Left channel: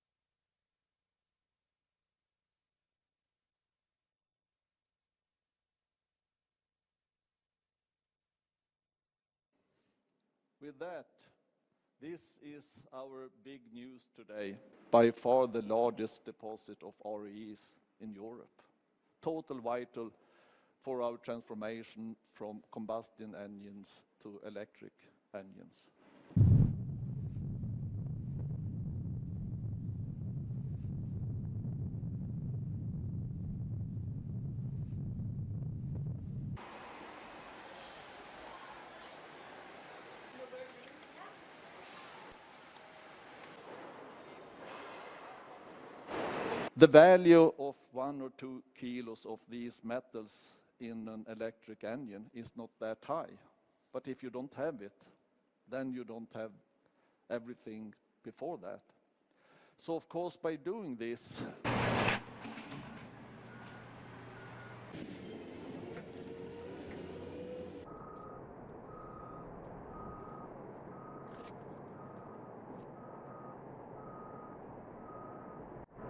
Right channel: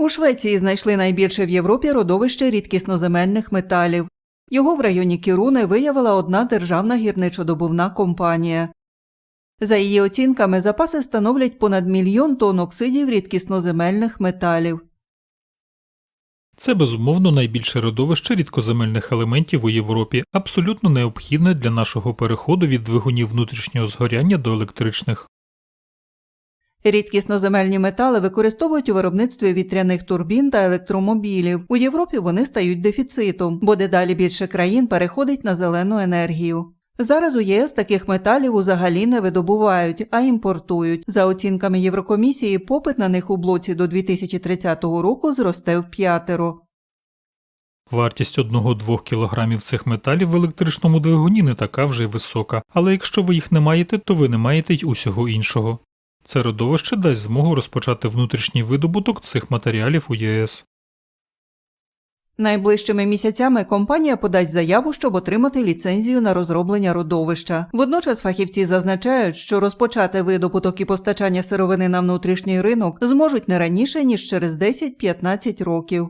У Швеції знайшли найбільше в Європі родовище рідкісноземельних металів. Його в районі Кіруни виявила одна державна гірничодобувна компанія. За її оцінками, запаси становлять понад мільйон тонн оксидів рідкісноземельних металів. Це безумовно найбільше родовище рідкоземельних елементів у Європі, абсолютно необхідне для нашого переходу від двигунів внутрішнього згоряння до електричних. Рідкісноземельні метали використовують у виробництві вітряних турбін та електромобілів. У Європі вони стають дефіцитом, бо дедалі більше країн переходить на зелену енергію. Зараз у ЄС таких металів взагалі не видобувають, а імпортують. За оцінками Єврокомісії, попит на них у блоці до 2030 року зросте в п'ятеро. Вартість 1-2 кілограмів цих металів в електричному двигуні не така вже й висока. Але якщо ви їх не маєте, то ви не маєте й усього іншого. Це родовище дасть змогу розпочати внутрішній видобуток цих матеріалів у ЄС. Найближчими місяцями компанія подасть заяву, щоб отримати ліцензію на розроблення родовища. Водночас фахівці зазначають, що розпочати видобуток і постачання сировини на внутрішній ринок зможуть не раніше ніж через 10-15 років.